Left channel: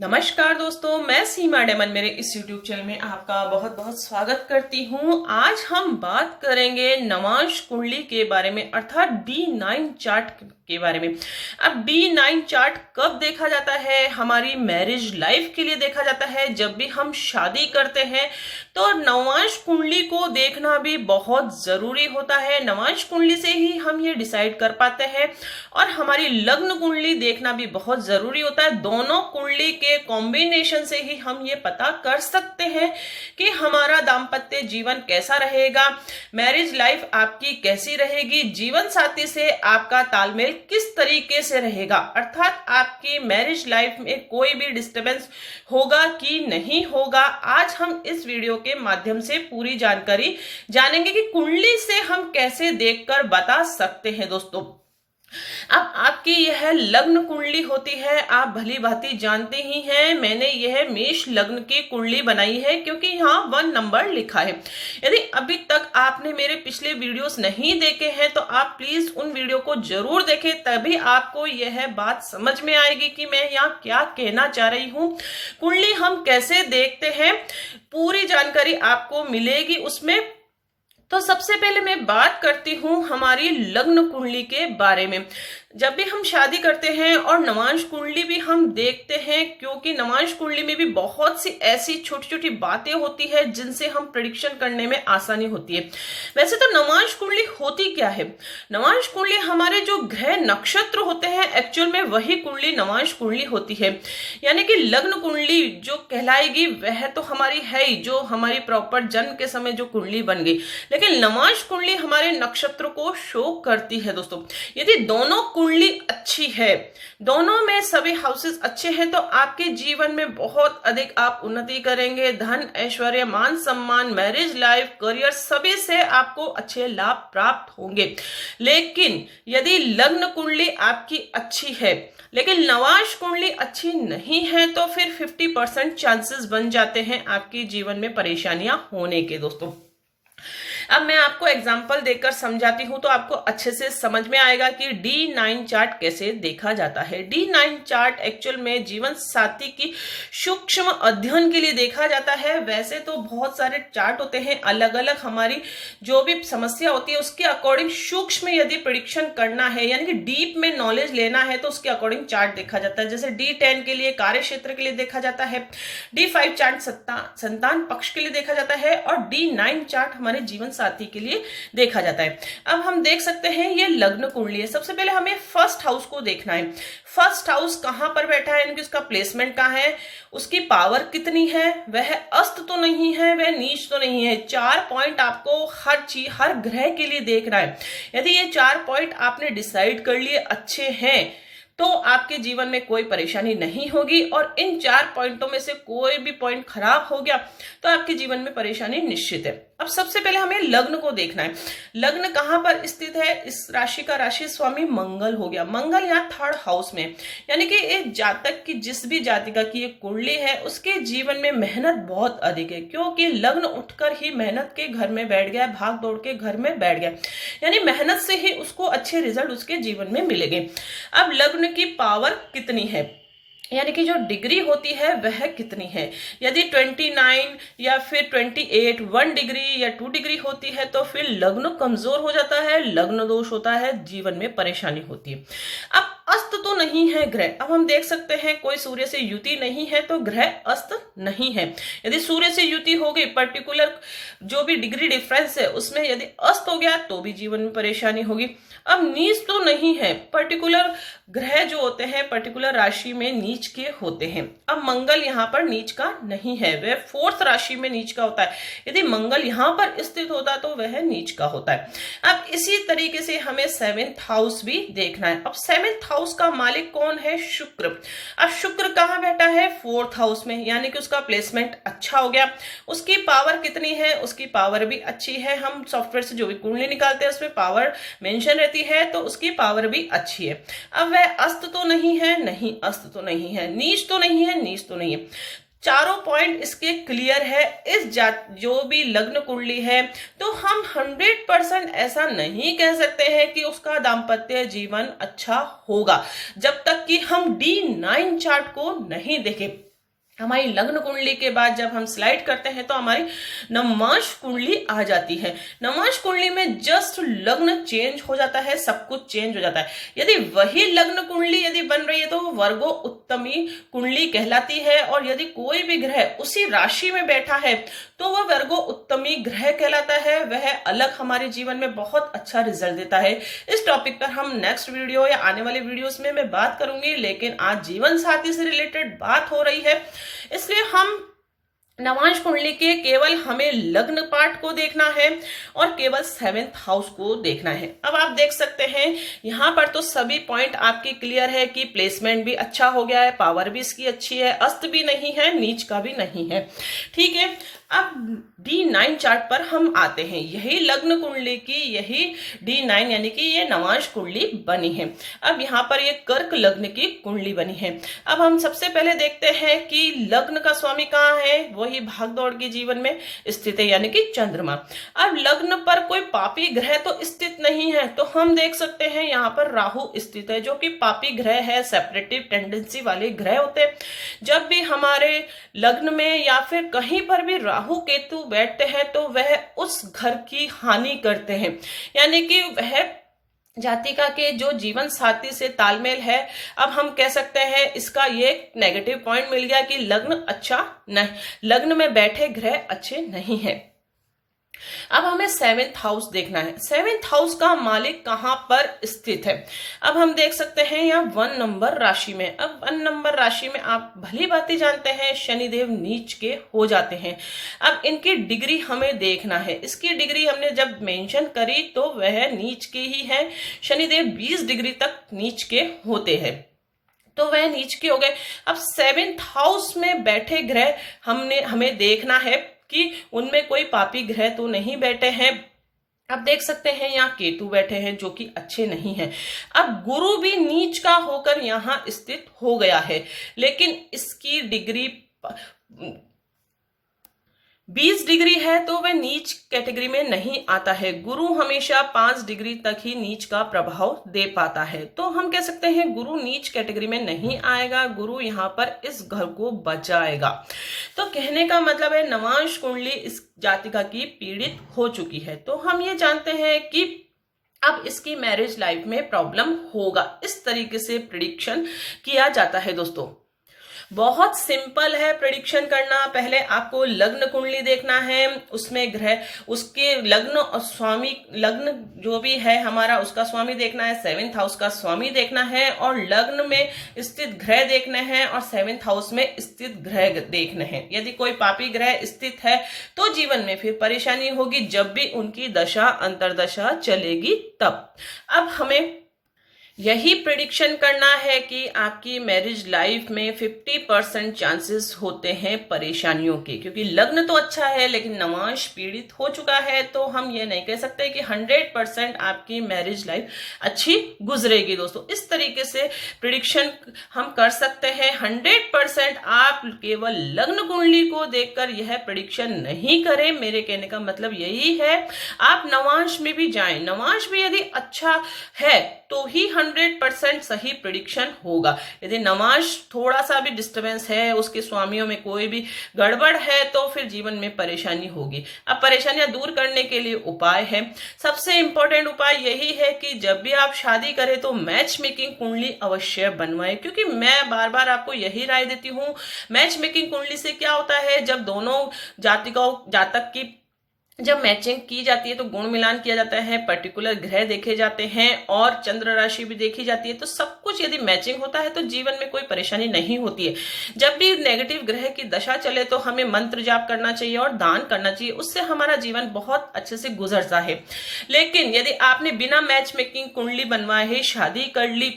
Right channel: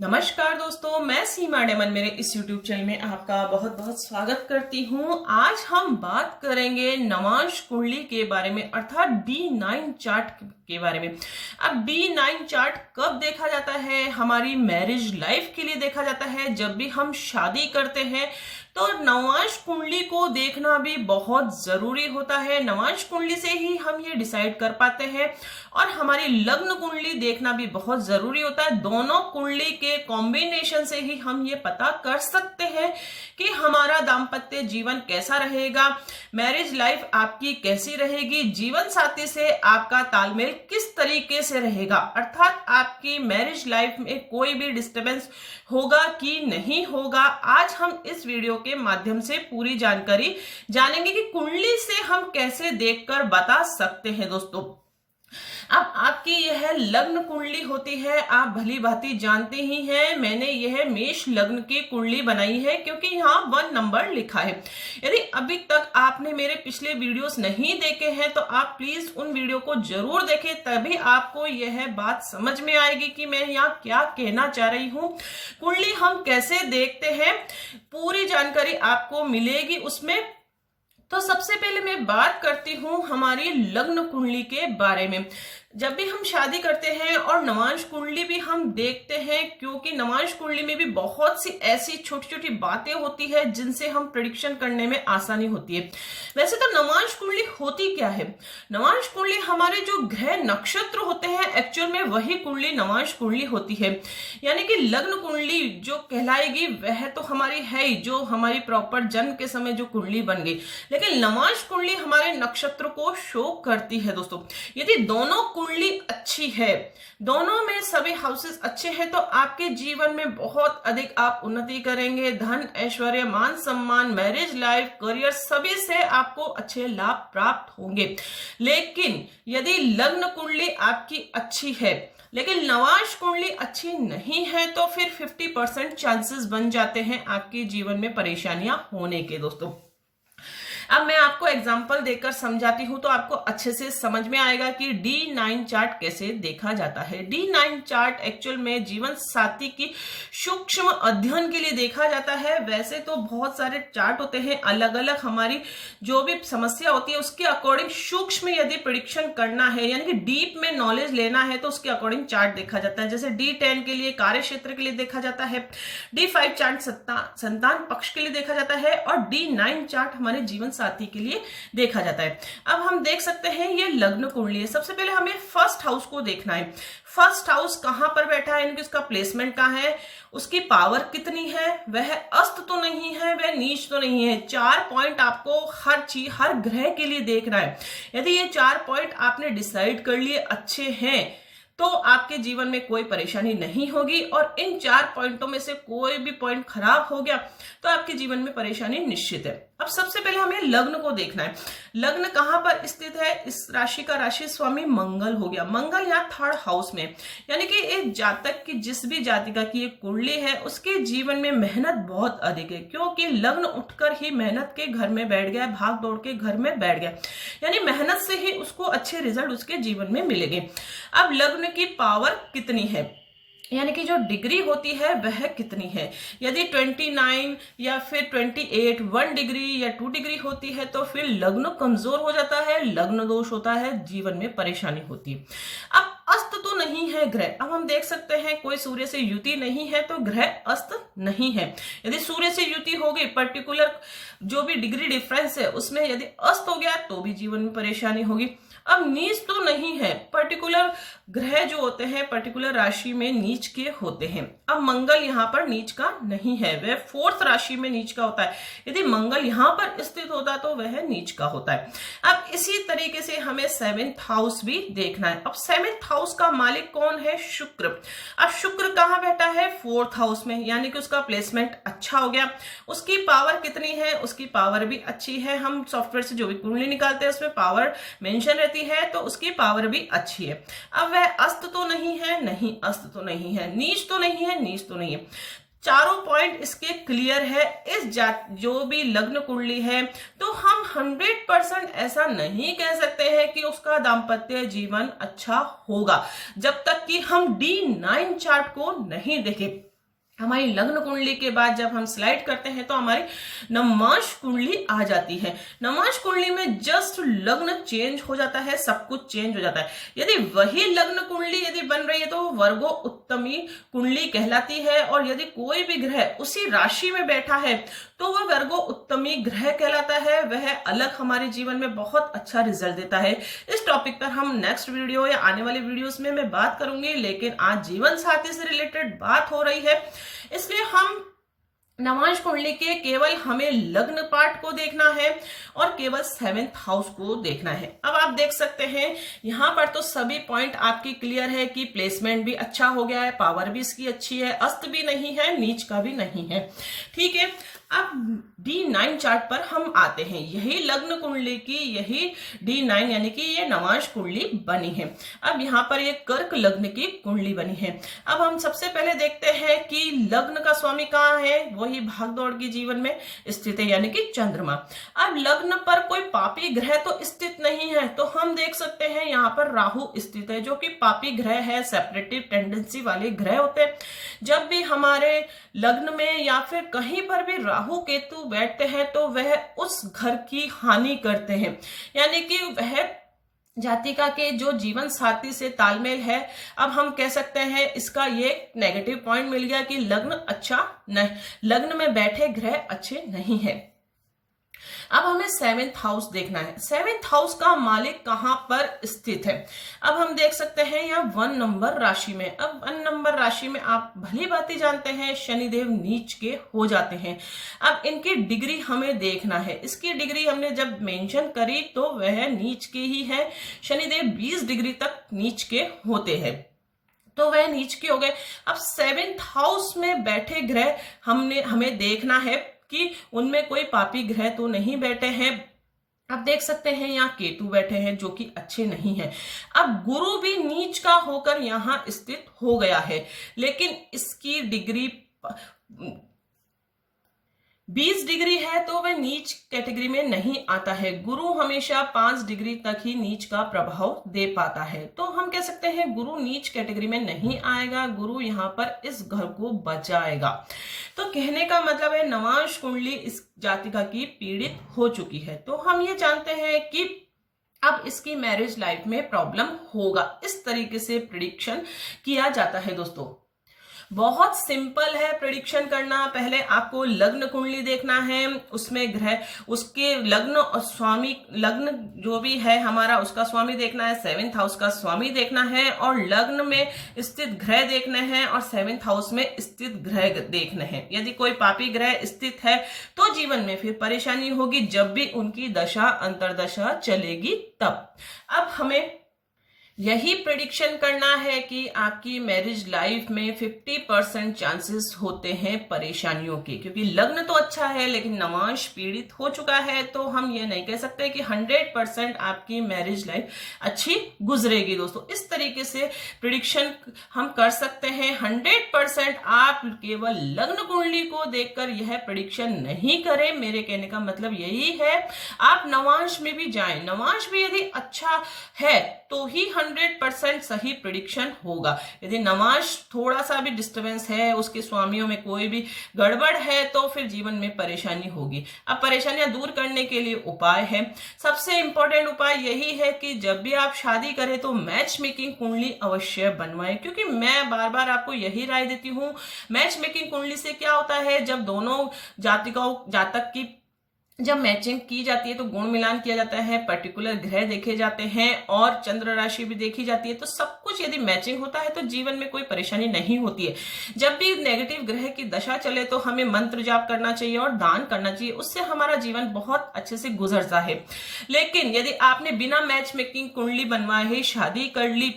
नमस्कार दोस्तों, मैं सीमा डेमन मेरे इस YouTube चैनल में आपका बहुत बहुत स्वागत करती हूँ। आज हम बात करेंगे नवांश कुंडली के बारे में, अर्थात D9 चार्ट के बारे में। अब D9 चार्ट कब देखा जाता है? हमारी मैरिज लाइफ के लिए देखा जाता है। जब भी हम शादी करते हैं तो नवांश कुंडली को देखना भी बहुत जरूरी होता है। नवांश कुंडली से ही हम ये डिसाइड कर पाते हैं, और हमारी लग्न कुंडली देखना भी बहुत जरूरी होता है। दोनों कुंडली के कॉम्बिनेशन से ही हम ये पता कर सकते हैं कि हमारा दाम्पत्य जीवन कैसा रहेगा, मैरिज लाइफ आपकी कैसी रहेगी, जीवन साथी से आपका तालमेल किस तरीके से रहेगा, अर्थात आपकी मैरिज लाइफ में कोई भी डिस्टरबेंस होगा कि नहीं होगा। आज हम इस वीडियो के माध्यम से पूरी जानकारी जानेंगे कि कुंडली से हम कैसे देखकर बता सकते हैं। दोस्तों, अब आपकी यह लग्न कुंडली होती है, आप भली भांति जानते ही हैं। मैंने यह मेष लग्न की कुंडली बनाई है क्योंकि यहाँ 1 नंबर लिखा है। यदि अभी तक आपने मेरे पिछले वीडियोस नहीं देखे हैं तो आप प्लीज उन वीडियो को जरूर देखें, तभी आपको यह बात समझ में आएगी कि मैं यहाँ क्या कहना चाह रही हूँ। कुंडली हम कैसे देखते हैं, पूरी जानकारी आपको मिलेगी उसमें। तो सबसे पहले मैं बात करती हूँ हमारी लग्न कुंडली के बारे में। जब भी हम शादी करते हैं और नवांश कुंडली भी हम देखते हैं, क्योंकि नवांश कुंडली में भी बहुत सी ऐसी छोटी छोटी बातें होती है जिनसे हम प्रेडिक्शन करने में आसानी होती है। वैसे तो नवांश कुंडली होती क्या है? नवांश कुंडली हमारे जो ग्रह नक्षत्र होते हैं, एक्चुअल में वही कुंडली नवांश कुंडली होती है। यानी कि लग्न कुंडली जो कहलाएगी वह तो हमारी है ही, जो हमारी प्रॉपर जन्म के समय जो कुंडली बन गई, लेकिन नवांश कुंडली हमारे नक्षत्र को शो करती है। दोस्तों, यदि दोनों कुंडली अच्छी है, दोनों में सभी हाउसेस अच्छे हैं, तो आपके जीवन में बहुत अधिक आप उन्नति करेंगे। धन, ऐश्वर्य, मान सम्मान, मैरिज लाइफ, करियर, सभी से आपको अच्छे लाभ प्राप्त होंगे। लेकिन यदि लग्न कुंडली आपकी अच्छी है लेकिन नवांश कुंडली अच्छी नहीं है, तो फिर 50% चांसेस बन जाते हैं आपके जीवन में परेशानियां होने के। दोस्तों, अब मैं आपको एग्जाम्पल देकर समझाती हूं तो आपको अच्छे से समझ में आएगा कि D9 चार्ट कैसे देखा जाता है। D9 चार्ट एक्चुअल में जीवन साथी की सूक्ष्म अध्ययन के लिए देखा जाता है। वैसे तो बहुत सारे चार्ट होते हैं, अलग अलग हमारी जो भी समस्या होती है उसके अकॉर्डिंग सूक्ष्म यदि प्रेडिक्शन करना है, यानी कि डीप में नॉलेज लेना है, तो उसके अकॉर्डिंग चार्ट देखा जाता है। जैसे D10 के लिए कार्य क्षेत्र के लिए देखा जाता है, D5 चार्ट संतान पक्ष के लिए देखा जाता है, और D9 चार्ट हमारे जीवन साथी के लिए देखा जाता है। अब हम देख सकते हैं ये लग्न कुंडली है। सबसे पहले हमें फर्स्ट हाउस को देखना है। फर्स्ट हाउस कहां पर बैठा है, यानी उसका प्लेसमेंट कहां है, उसकी पावर कितनी है, वह अस्त तो नहीं है, वह नीच तो नहीं है। 4 पॉइंट आपको हर चीज, हर ग्रह के लिए देखना है। यदि ये 4 पॉइंट आपने डिसाइड कर लिए अच्छे हैं तो आपके जीवन में कोई परेशानी नहीं होगी, और इन 4 पॉइंटों में से कोई भी पॉइंट खराब हो गया तो आपके जीवन में परेशानी निश्चित है। अब सबसे पहले हमें लग्न को देखना है। लग्न कहां पर स्थित है? इस राशि का राशि स्वामी मंगल हो गया। मंगल यहाँ 3rd हाउस में, यानी कि एक जातक की, जिस भी जातिका की एक कुंडली है, उसके जीवन में मेहनत बहुत अधिक है, क्योंकि लग्न उठकर ही मेहनत के घर में बैठ गया, भाग दौड़ के घर में बैठ गया, यानी मेहनत से ही उसको अच्छे रिजल्ट उसके जीवन में मिलेंगे। अब लग्न की पावर कितनी है, यानी कि जो डिग्री होती है वह कितनी है? यदि 29 या फिर 28, 1 डिग्री या 2 डिग्री होती है तो फिर लग्न कमजोर हो जाता है, लग्न दोष होता है, जीवन में परेशानी होती है। अब अस्त तो नहीं है ग्रह। अब हम देख सकते हैं कोई सूर्य से युति नहीं है तो ग्रह अस्त नहीं है। यदि सूर्य से युति हो गई, पर्टिकुलर जो भी डिग्री डिफरेंस है उसमें यदि अस्त हो गया तो भी जीवन में परेशानी होगी। अब नीच तो नहीं है, पर्टिकुलर ग्रह जो होते हैं पर्टिकुलर राशि में नीच के होते हैं। अब मंगल यहाँ पर नीच का नहीं है, वह 4th राशि में नीच का होता है। यदि मंगल यहाँ पर स्थित होता तो वह नीच का होता है। अब इसी तरीके से हमें 7th हाउस भी देखना है। अब 7th हाउस का मालिक कौन है? शुक्र। अब शुक्र कहाँ बैठा है? 4th हाउस में, यानी कि उसका प्लेसमेंट अच्छा हो गया। उसकी पावर कितनी है? उसकी पावर भी अच्छी है। हम सॉफ्टवेयर से जो भी कुंडली निकालते हैं उसमें पावर मेंशन रहती है, तो उसकी पावर भी अच्छी है। अब वह अस्त तो नहीं है, नहीं अस्त तो नहीं है, नीच तो नहीं है, नीच तो नहीं है। चारों पॉइंट इसके क्लियर है। इस जो भी लग्न कुंडली है तो हम 100% ऐसा नहीं कह सकते हैं कि उसका दाम्पत्य जीवन अच्छा होगा जब तक कि हम D9 चार्ट को नहीं देखें। हमारी लग्न कुंडली के बाद जब हम स्लाइड करते हैं तो हमारी नवमांश कुंडली आ जाती है। नवमांश कुंडली में जस्ट लग्न चेंज हो जाता है, सब कुछ चेंज हो जाता है। यदि वही लग्न कुंडली यदि बन रही है तो वर्गो उत्तमी कुंडली कहलाती है, और यदि कोई भी ग्रह उसी राशि में बैठा है तो वह वर्गो उत्तमी ग्रह कहलाता है। वह अलग हमारे जीवन में बहुत अच्छा रिजल्ट देता है। इस टॉपिक पर हम नेक्स्ट वीडियो या आने वाले वीडियोस में मैं बात करूंगी, लेकिन आज जीवन साथी से रिलेटेड बात हो रही है, इसलिए हम नवमांश कुंडली के केवल हमें लग्न पार्ट को देखना है और केवल 7th हाउस को देखना है। अब आप देख सकते हैं यहाँ पर तो सभी पॉइंट आपकी क्लियर है कि प्लेसमेंट भी अच्छा हो गया है, पावर भी इसकी अच्छी है, अस्त भी नहीं है, नीच का भी नहीं है। ठीक है, अब D9 चार्ट पर हम आते हैं। यही लग्न कुंडली की यही D9 यानी कि ये नवमांश कुंडली बनी है। अब यहाँ पर ये कर्क लग्न की कुंडली बनी है। अब हम सबसे पहले देखते हैं कि लग्न का स्वामी कहाँ है। वही भागदौड़ के जीवन में स्थित है यानी कि चंद्रमा। अब लग्न पर कोई पापी ग्रह तो स्थित नहीं है, तो हम देख सकते हैं यहाँ पर राहु स्थित है जो कि पापी ग्रह है, सेपरेटिव टेंडेंसी वाले ग्रह होते हैं। जब भी हमारे लग्न में या फिर कहीं पर भी राहु केतु बैठते हैं तो वह उस घर की हानि करते हैं, यानी कि वह जातिका के जो जीवन साथी से तालमेल है। अब हम कह सकते हैं इसका ये नेगेटिव पॉइंट मिल गया कि लग्न अच्छा नहीं, लग्न में बैठे ग्रह अच्छे नहीं है। अब हमें 7th हाउस देखना है। 7th हाउस का मालिक कहां पर स्थित है। अब हम देख सकते हैं यहाँ 1 नंबर राशि में। अब 1 नंबर राशि में आप भली भांति जानते हैं शनिदेव नीच के हो जाते हैं। अब इनकी डिग्री हमें देखना है। इसकी डिग्री हमने जब मेंशन करी तो वह नीच की ही है। शनिदेव 20 डिग्री तक नीच के होते हैं, तो वह नीच के हो गए। अब 7th हाउस में बैठे ग्रह हमें देखना है कि उनमें कोई पापी ग्रह तो नहीं बैठे हैं। अब देख सकते हैं यहाँ केतु बैठे हैं जो कि अच्छे नहीं हैं। अब गुरु भी नीच का होकर यहाँ स्थित हो गया है, लेकिन इसकी डिग्री 20 डिग्री है तो वह नीच कैटेगरी में नहीं आता है। गुरु हमेशा 5 डिग्री तक ही नीच का प्रभाव दे पाता है, तो हम कह सकते हैं गुरु नीच कैटेगरी में नहीं आएगा। गुरु यहाँ पर इस घर को बचाएगा। तो कहने का मतलब है नवमांश कुंडली इस जातिका की पीड़ित हो चुकी है। तो हम ये जानते हैं कि अब इसकी मैरिज लाइफ में प्रॉब्लम होगा। इस तरीके से प्रेडिक्शन किया जाता है दोस्तों। बहुत सिंपल है प्रेडिक्शन करना। पहले आपको लग्न कुंडली देखना है, उसमें ग्रह उसके लग्न और स्वामी, लग्न जो भी है हमारा उसका स्वामी देखना है, 7th हाउस का स्वामी देखना है, और लग्न में स्थित ग्रह देखने हैं और 7th हाउस में स्थित ग्रह देखने हैं। यदि कोई पापी ग्रह स्थित है तो जीवन में फिर परेशानी होगी जब भी उनकी दशा अंतरदशा चलेगी तब। अब हमें यही प्रेडिक्शन करना है कि आपकी मैरिज लाइफ में 50% चांसेस होते हैं परेशानियों के, क्योंकि लग्न तो अच्छा है लेकिन नवमांश पीड़ित हो चुका है। तो हम ये नहीं कह सकते कि 100% आपकी मैरिज लाइफ अच्छी गुजरेगी दोस्तों। इस तरीके से प्रेडिक्शन हम कर सकते हैं। 100% आप केवल लग्न कुंडली को देखकर यह प्रेडिक्शन नहीं करें। मेरे कहने का मतलब यही है, आप नवमांश में भी जाएं, नवमांश भी यदि अच्छा है तो ही 100% सही प्रेडिक्शन होगा। यदि नवमांश थोड़ा सा भी डिस्टरबेंस है, उसके स्वामियों में कोई भी गड़बड़ है, तो फिर जीवन में परेशानी होगी। अब परेशानियां दूर करने के लिए उपाय है। सबसे इंपॉर्टेंट उपाय यही है कि जब भी आप शादी करें तो मैच मेकिंग कुंडली अवश्य बनवाएं, क्योंकि मैं बार बार आपको यही राय देती हूँ। मैच मेकिंग कुंडली से क्या होता है, जब दोनों जातक की जब मैचिंग की जाती है तो गुण मिलान किया जाता है, पर्टिकुलर ग्रह देखे जाते हैं और चंद्र राशि भी देखी जाती है। तो सब कुछ यदि मैचिंग होता है तो जीवन में कोई परेशानी नहीं होती है। जब भी नेगेटिव ग्रह की दशा चले तो हमें मंत्र जाप करना चाहिए और दान करना चाहिए, उससे हमारा जीवन बहुत अच्छे से गुजरता है। लेकिन यदि आपने बिना मैच मेकिंग कुंडली बनवाए ही शादी कर ली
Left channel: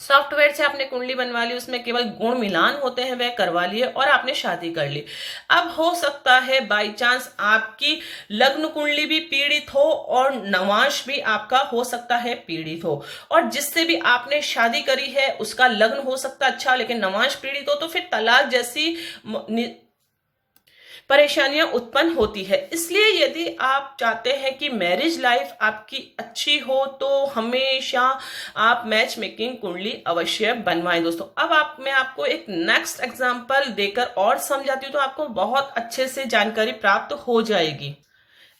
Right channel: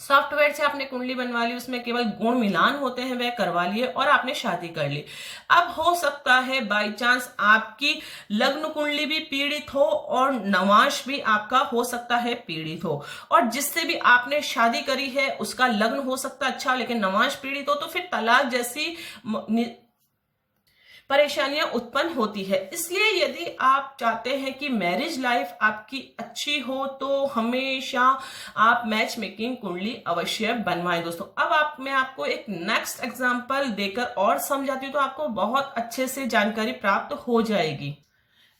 सॉफ्टवेयर से आपने कुंडली बनवा ली, उसमें केवल गुण मिलान होते हैं, वह करवा लिए और आपने शादी कर ली। अब हो सकता है बाई चांस आपकी लग्न कुंडली भी पीड़ित हो और नवांश भी आपका हो सकता है पीड़ित हो, और जिससे भी आपने शादी करी है उसका लग्न हो सकता अच्छा लेकिन नवांश पीड़ित हो, तो फिर तलाक जैसी परेशानियां उत्पन्न होती है। इसलिए यदि आप चाहते हैं कि मैरिज लाइफ आपकी अच्छी हो तो हमेशा आप मैच मेकिंग कुंडली अवश्य बनवाएं दोस्तों। अब मैं आपको एक नेक्स्ट एग्जांपल देकर और समझाती हूँ तो आपको बहुत अच्छे से जानकारी प्राप्त हो जाएगी।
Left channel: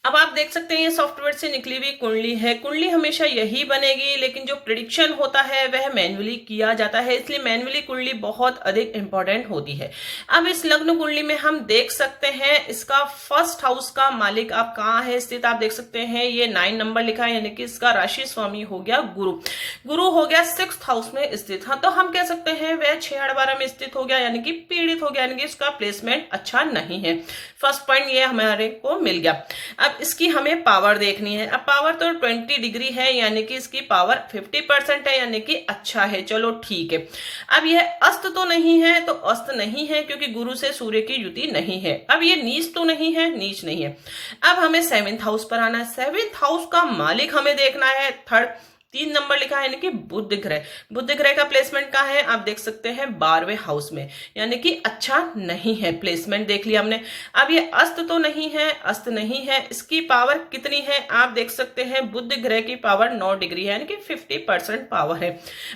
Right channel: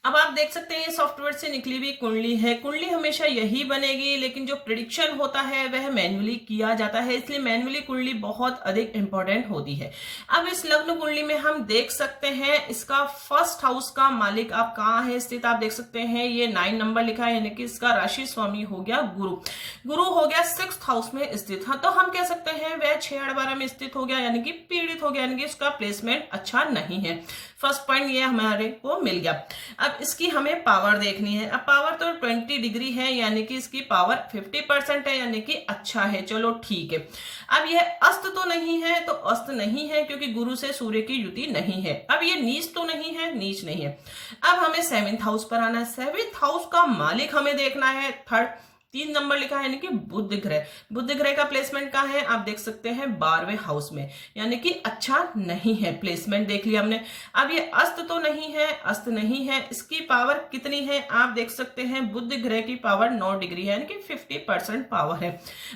अब आप देख सकते हैं ये सॉफ्टवेयर से निकली हुई कुंडली है। कुंडली हमेशा यही बनेगी, लेकिन जो प्रिडिक्शन होता है वह मैन्युअली किया जाता है, इसलिए मैन्युअली कुंडली बहुत अधिक इंपॉर्टेंट होती है। अब इस लग्न कुंडली में हम देख सकते हैं इसका फर्स्ट हाउस का मालिक आप कहाँ है स्थित, आप देख सकते हैं ये 9 नंबर लिखा है, यानी कि इसका राशि स्वामी हो गया गुरु। गुरु हो गया 6th हाउस में स्थित। हाँ, तो हम कह सकते हैं वह 6/12 में स्थित हो गया, यानी कि पीड़ित हो गया, यानी कि इसका प्लेसमेंट अच्छा नहीं है। फर्स्ट पॉइंट ये हमारे को मिल गया। अब इसकी हमें पावर देखनी है। अब पावर तो 20 डिग्री है, यानी कि इसकी पावर 50% है, यानी कि अच्छा है, चलो ठीक है। अब यह अस्त तो नहीं है, तो अस्त नहीं है क्योंकि गुरु से सूर्य की युति नहीं है। अब ये नीच तो नहीं है, नीच नहीं है। अब हमें 7th हाउस पर आना है। 7th हाउस का मालिक हमें देखना है 3 नंबर लिखा है, यानी कि बुध ग्रह। बुध ग्रह का प्लेसमेंट कहाँ है, आप देख सकते हैं 12वें हाउस में, यानी कि अच्छा नहीं है। प्लेसमेंट देख लिया हमने। अब ये अस्त तो नहीं है, अस्त नहीं है। इसकी पावर कितनी है, आप देख सकते हैं बुध ग्रह की पावर 9 डिग्री है, यानी कि 50% पावर है।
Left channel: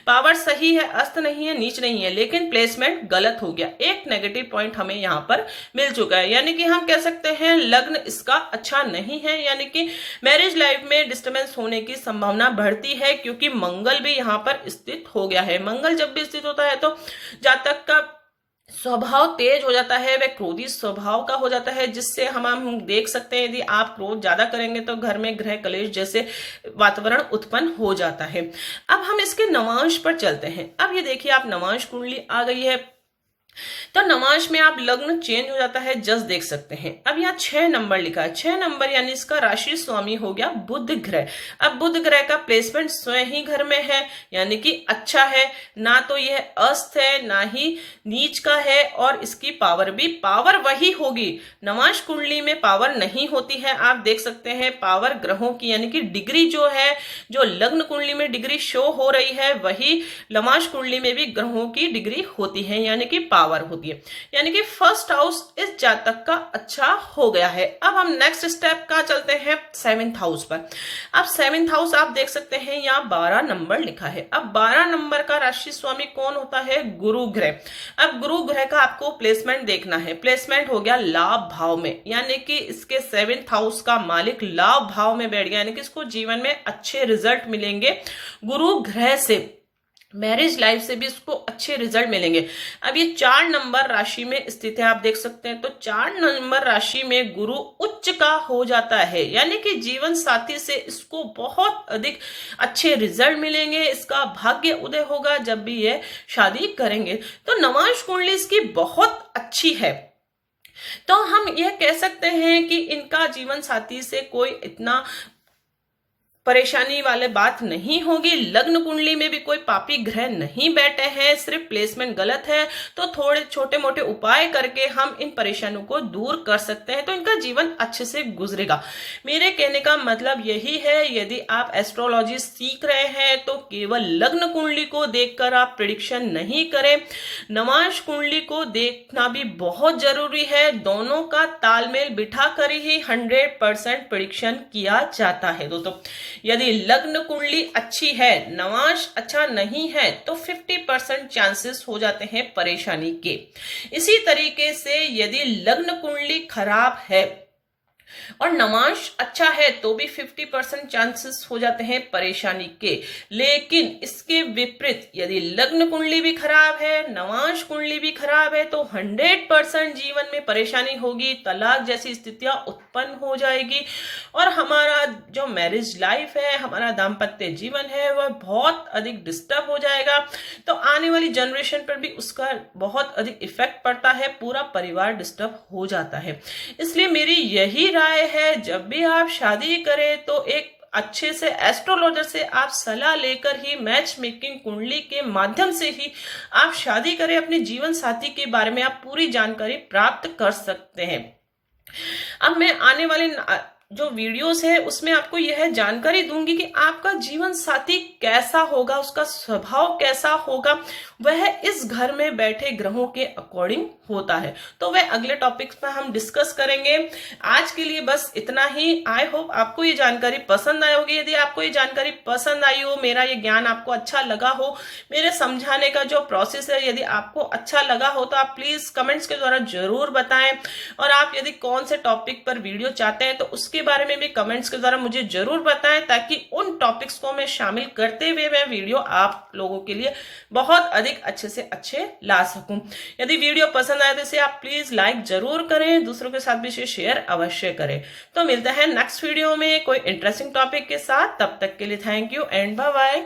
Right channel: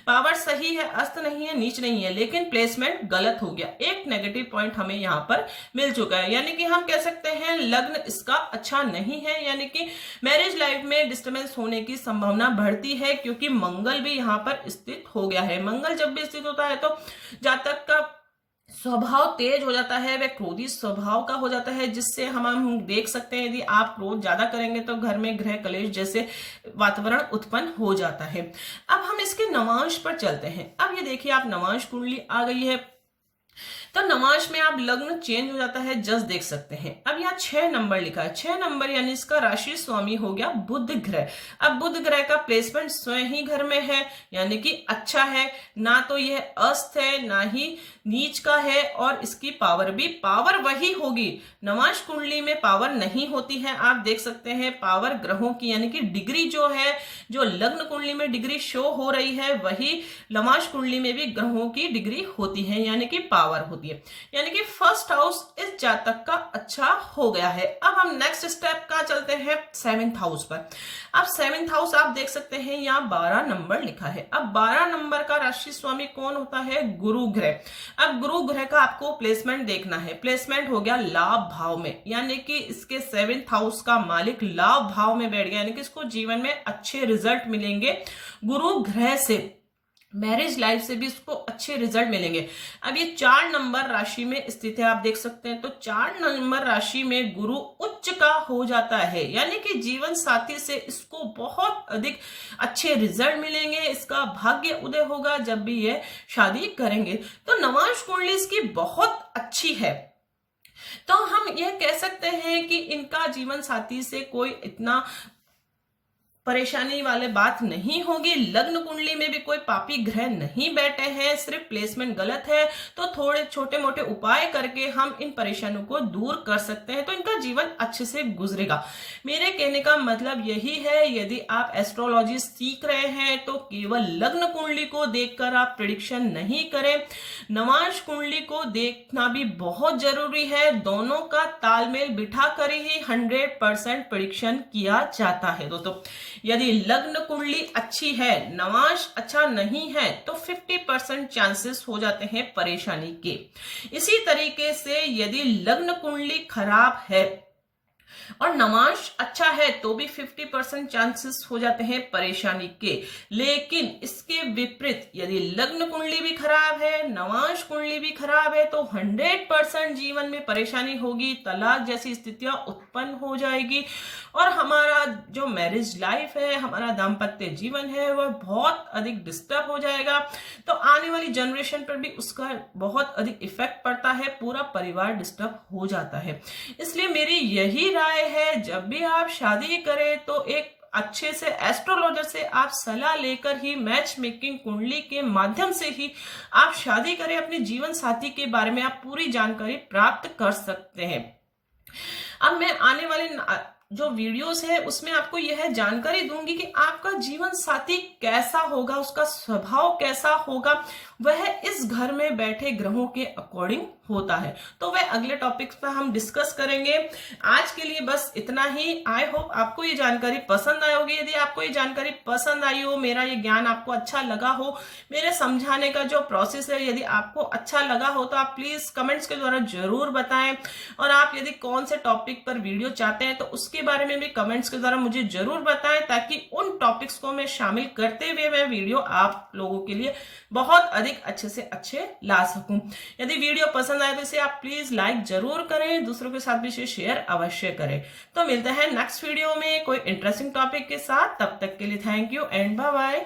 पावर सही है, अस्त नहीं है, नीच नहीं है, लेकिन प्लेसमेंट गलत हो गया। एक नेगेटिव पॉइंट हमें यहाँ पर मिल चुका है, यानी कि हम कह सकते हैं लग्न इसका अच्छा नहीं है, यानी कि मैरिज लाइफ में डिस्टर्बेंस होने की संभावना बढ़ती है, क्योंकि मंगल भी यहाँ पर स्थित हो गया है। मंगल जब भी स्थित होता है तो जातक का स्वभाव तेज हो जाता है, वह क्रोधी स्वभाव का हो जाता है, जिससे हम देख सकते हैं यदि आप क्रोध ज्यादा करेंगे तो घर में गृह कलेश जैसे वातावरण उत्पन्न हो जाता है। अब हम इसके नवांश पर चलते हैं। अब ये देखिए आप नवांश कुंडली आ गई है, तो नवांश में आप लग्न चेंज हो जाता है, जस देख सकते हैं। अब यहाँ 6 नंबर लिखा है। 6 नंबर यानी इसका राशि स्वामी हो गया बुध ग्रह। अब बुध ग्रह का प्लेसमेंट स्वयं ही घर में है, यानी कि अच्छा है, ना तो यह अस्त है ना ही नीच का है, और इसकी पावर भी पावर वही होगी। नवांश कुंडली में पावर नहीं होती है, आप देख सकते हैं पावर ग्रहों की, यानी कि डिग्री जो है, जो लग्न कुंडली में डिग्री शो हो रही है वही नवांश कुंडली में भी ग्रहों की डिग्री होती है, यानी कि पावर होती है। यानी कि फर्स्ट हाउस इस जातक का अच्छा हो गया है। अब हम नेक्स्ट स्टेप का चलते हैं 7th हाउस पर। अब 7th हाउस आप देख सकते हैं यहाँ 12 नंबर लिखा है। अब 12 नंबर का राशि स्वामी कौन होता है, गुरु ग्रह। अब गुरु ग्रह का आपको प्लेसमेंट देखना है। प्लेसमेंट हो गया लाभ भाव में, यानी कि इसके 7th हाउस का मालिक लाभ भाव में बैठ गया, यानी कि इसको जीवन में अच्छे रिजल्ट मिलेंगे गुरु ग्रह से। मैरिज लाइफ से भी इसको अच्छे रिजल्ट मिलेंगे। अब ये 4 नंबर राशि में स्थित है, आप देख सकते हैं, तो 4 नंबर राशि में गुरु उच्च का हो जाता है, यानी कि जीवन साथी से इसको बहुत अधिक अच्छे रिजल्ट मिलेंगे। इसका भाग्य उदय होगा जब भी ये शादी करेंगे। तो नवांश कुंडली इसकी बहुत अच्छी है। तो हम यह कह सकते हैं कि इनका जीवन साथी से कोई इतना परेशानी वाले बात नहीं होगी। लग्न कुंडली में भी कोई पापी ग्रह नहीं बैठे हैं, सिर्फ प्लेसमेंट गलत है, तो थोड़े छोटे मोटे उपाय करके हम इन परेशानियों को दूर कर सकते हैं, तो इनका जीवन अच्छे से गुजरेगा। मेरे कहने का मतलब यही है, यदि आप एस्ट्रोलॉजी सीख रहे हैं तो केवल लग्न कुंडली को देखकर आप प्रिडिक्शन नहीं करें, नवांश कुंडली को देखना भी बहुत जरूरी है। दोनों का तालमेल बिठा कर ही 100% प्रिडिक्शन किया जाता है दोस्तों। यदि लग्न कुंडली अच्छी है, नवांश अच्छा नहीं है, तो 50% चांसेस हो जाते हैं परेशानी के। इसी तरीके से यदि लग्न कुंडली खराब है और नवांश अच्छा है तो भी 50% चांसेस हो जाते हैं परेशानी के। लेकिन इसके विपरीत यदि लग्न कुंडली भी खराब है, नवांश कुंडली भी खराब है, तो 100% जीवन में परेशानी होगी, तलाक जैसी स्थितियां उत्पन्न हो जाएगी, और हमारा जो मैरिज लाइफ है, हमारा दाम्पत्य जीवन है, वह बहुत अधिक डिस्टर्ब हो जाएगा। तो आने वाली जनरेशन पर भी उसका बहुत अधिक इफेक्ट पड़ता है, पूरा परिवार डिस्टर्ब हो जाता है। इसलिए मेरी यही राय है, जब भी आप शादी करें तो एक अच्छे से एस्ट्रोलॉजर से आप सलाह लेकर ही मैच मेकिंग कुंडली के माध्यम से ही आप शादी करें, अपने जीवन साथी के बारे में आप पूरी जानकारी प्राप्त कर सकते हैं। अब मैं आने वाले जो वीडियोस है उसमें आपको यह जानकारी दूंगी कि आपका जीवन साथी कैसा होगा, उसका स्वभाव कैसा होगा, वह इस घर में बैठे ग्रहों के अकॉर्डिंग होता है। तो वह अगले टॉपिक्स पर हम डिस्कस करेंगे। आज के लिए बस इतना ही। आई होप आपको ये जानकारी पसंद आई होगी। यदि आपको ये जानकारी पसंद आई हो, मेरा ये ज्ञान आपको अच्छा लगा हो, मेरे समझाने का जो प्रोसेस है यदि आपको अच्छा लगा हो, तो आप प्लीज कमेंट्स के द्वारा जरूर बताएं। और आप यदि कौन से टॉपिक पर वीडियो चाहते हैं तो उसके बारे में भी कमेंट्स के द्वारा मुझे जरूर बताएं, ताकि उन टॉपिक्स को मैं शामिल करते हुए मैं वीडियो आप लोगों के लिए बहुत अधिक अच्छे से अच्छे ला सकूं। यदि वीडियो पसंद आए तो इसे आप प्लीज लाइक जरूर करें, दूसरों के साथ भी इसे शेयर अवश्य करें। तो मिलते हैं नेक्स्ट वीडियो में कोई इंटरेस्टिंग टॉपिक के साथ। तब तक के लिए thank you and bye bye.